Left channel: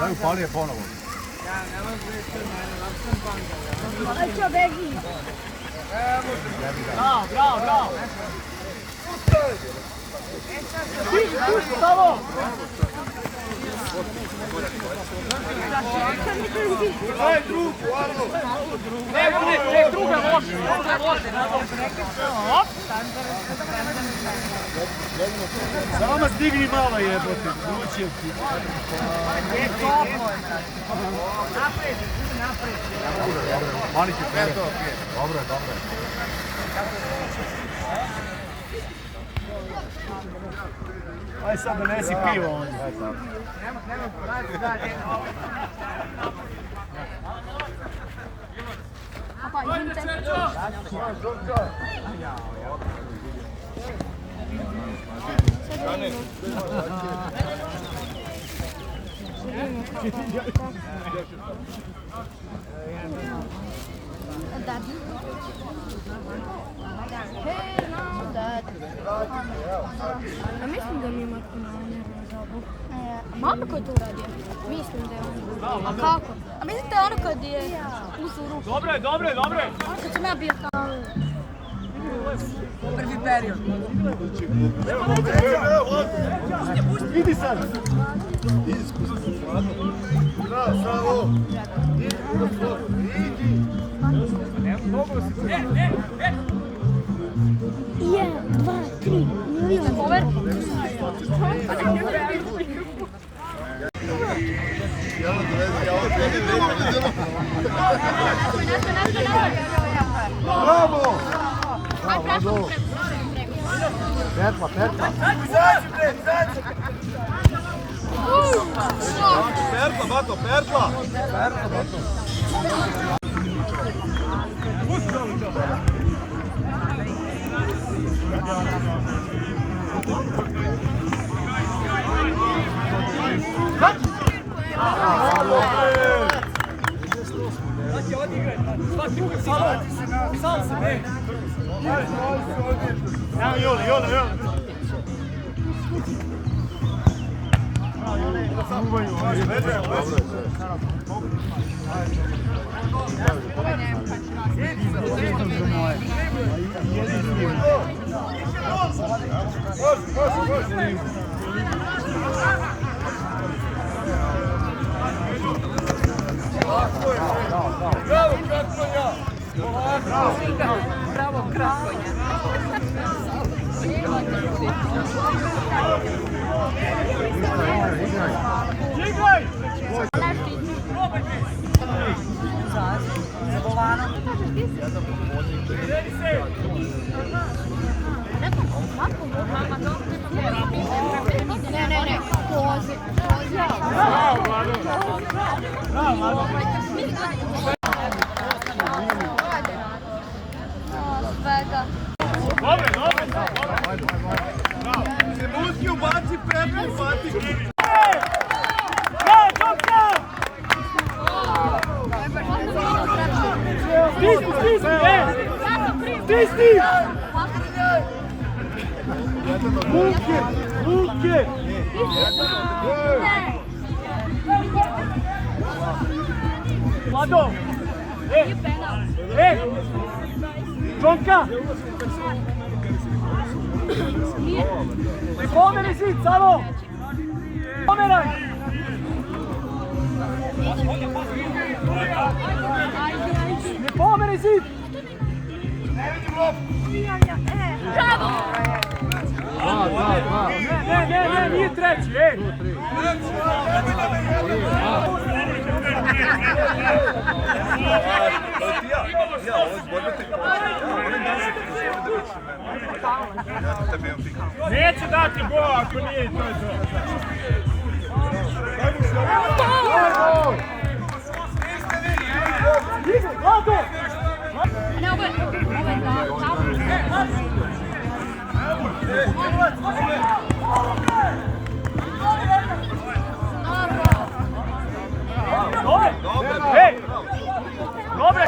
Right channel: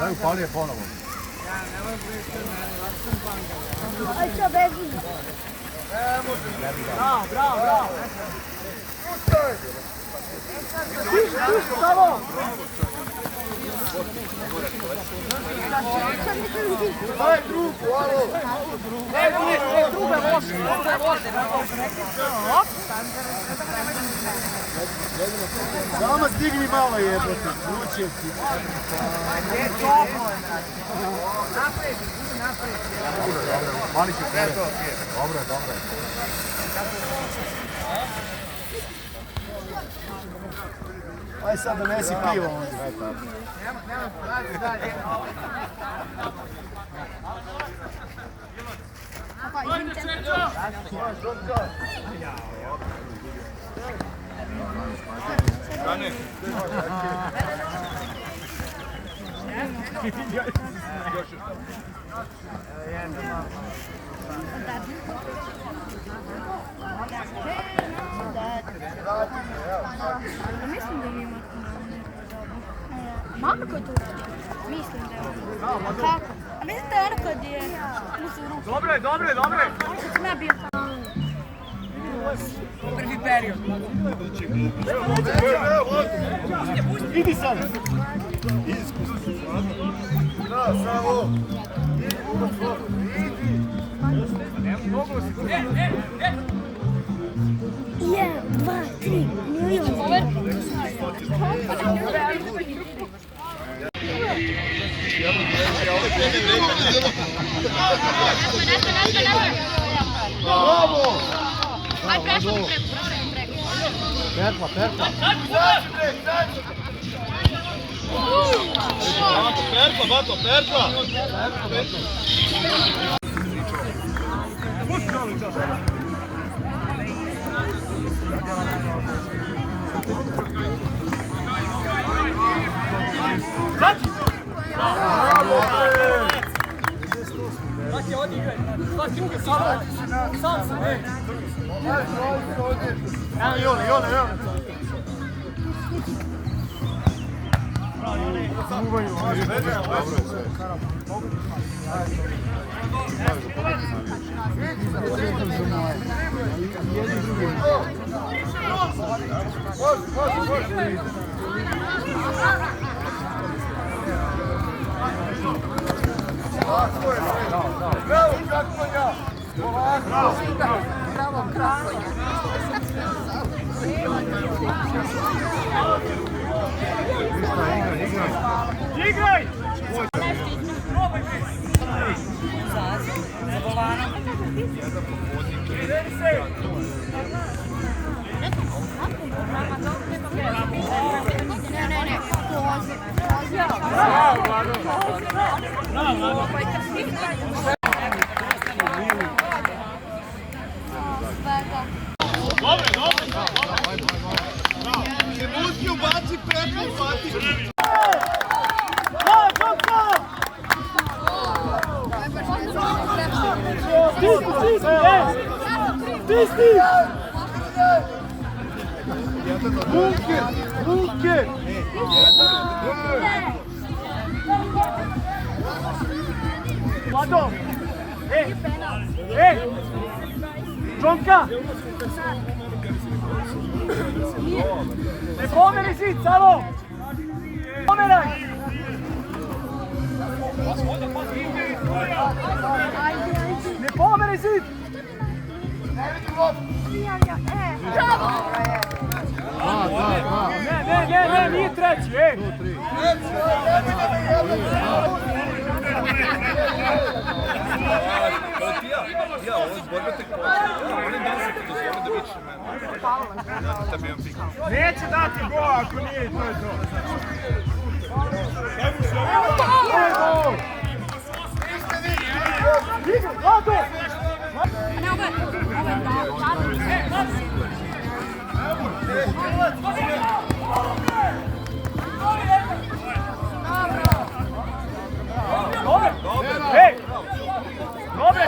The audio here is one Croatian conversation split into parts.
Daj upali je ponovo. Aj čo, beži. Bravo, bravo, bravo. Daj drugu, alo! Druga loše. Samo stigni malo jebote, kuće ti. Napred, napred. Dobro, mali će tebe. Dobro. Aj sad donesi pivo onda. Nemo, dalje. Papa, idem te. Mislim da mi mama koja to radi. Mislim da je ono. A kako? A mislim da je ono kad je uzeo ruku. Dobro. Što sam ja bio tamo. Prvi period. Idi sad! Jedan, dva, tri, milion. Over. Bravo! Igraj! Ne. Se muški ubaci pretnju, Fati! Stiski! Bunker! Vlado! Džonka! Ne pomeri zid, samo! Pomeraj! Ne pomeri zid! Ne, nije treći, Nemoj da me jebate! Neće dati go ako nije to. Niste vi! Vlado! Dobre!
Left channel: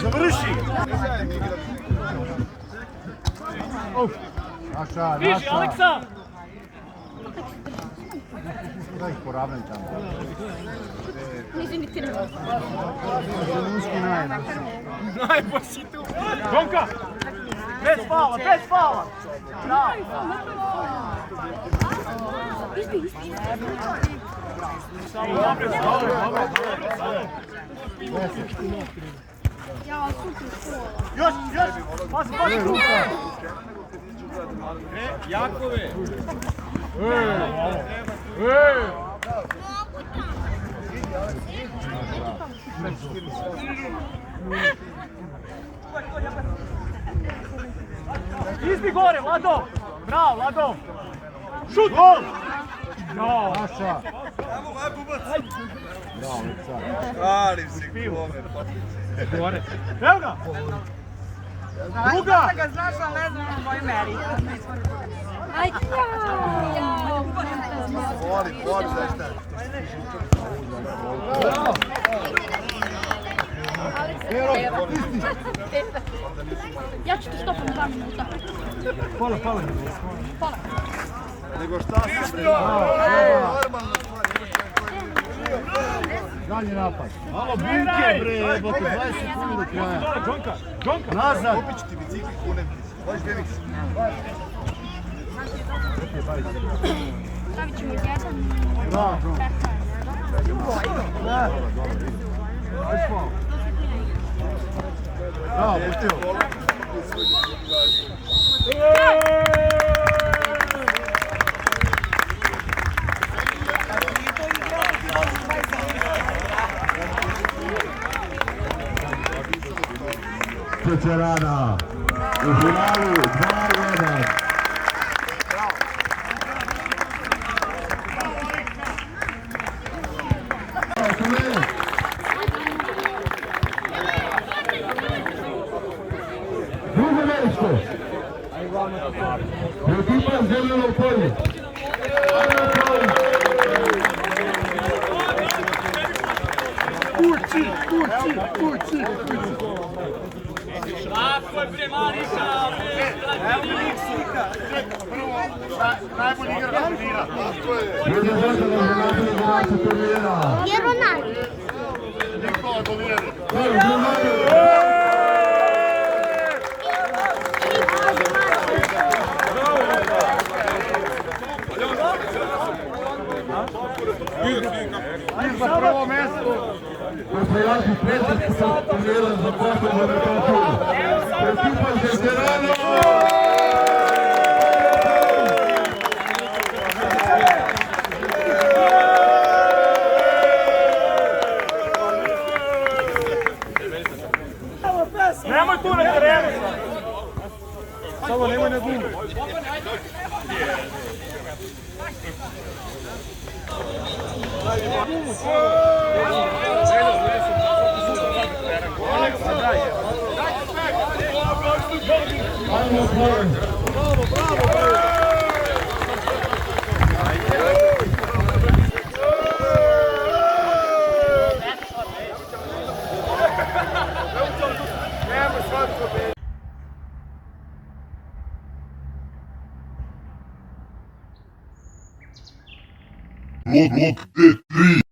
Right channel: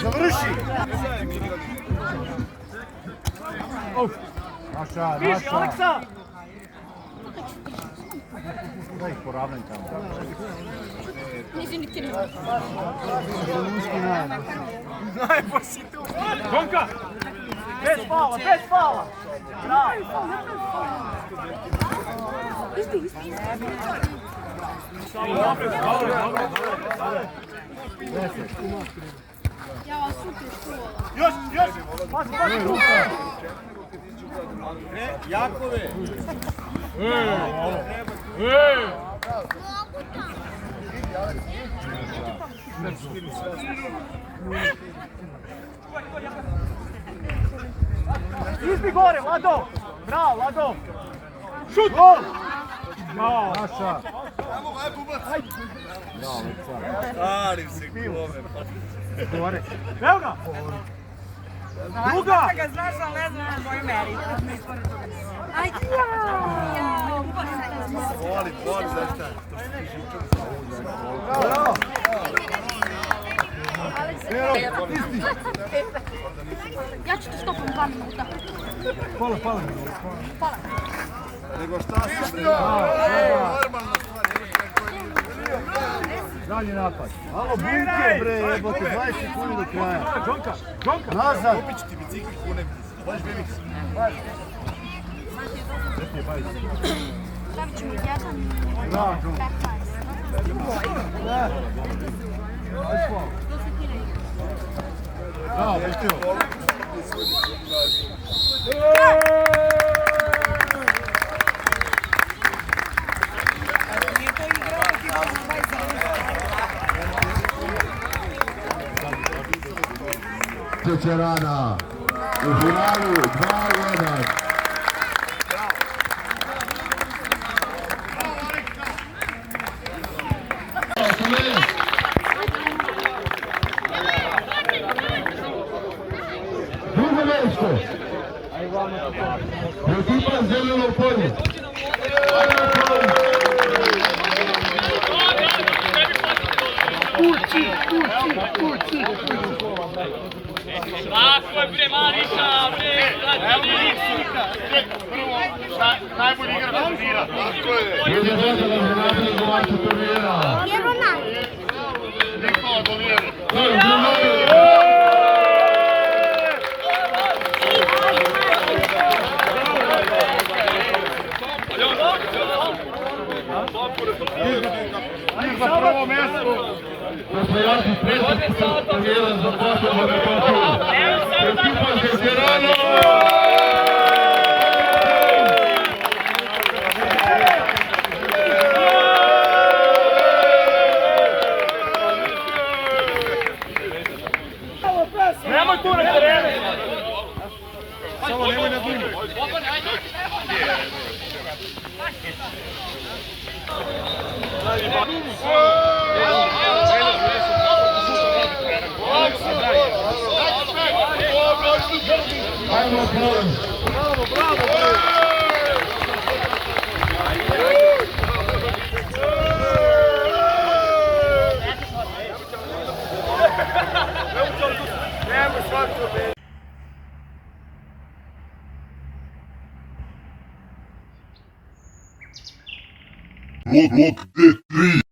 Završi! Naša, Viži, naša. Aleksa! Da ih poravnaj tamo. Nisu ni krivo. Zelunski najem. Gonka! Bez fala, bez fala! Bravo! Samo opet, dobre. 10. Ja, super škola. Još! Pazi, tu! Jakove! Izbi gore, Lado! Bravo, Lado! Šut! Gol! Jao! Naša. Stalim se gome, pa... Gore. Evo ga! Druga! Ga znaš, ali ne znam moj meri. Ajde, Voli, zašto? ja ću te stopam 2 minuta. Hvala. Nego šta se bre? Normalno Dalje napad. Alo, bunke bre, jebote, 20 sekundi do kraja. Džonka! Nazad. Kupit ću ti bicikl kunem ti. Daš BMX. Stavit ćemo 1. Bravo. Da. Ajde spao. Da, letio. Čečerana u finalu 2-1. Drugo mjesto. Ekipa Zeleno polje. Kući. Najbolji igrač turnira. Drugi došao da se napravi igrača turnira. Evo naj. Nikola Dolijeri. Za prvo mjesto. Osvajači predsjednika turnira za posebnu metodiju. Ekipa Čečerana. Nemoj tu na terenu! Samo nemoj na dinu. Ajmo Sloven. Look, it 3.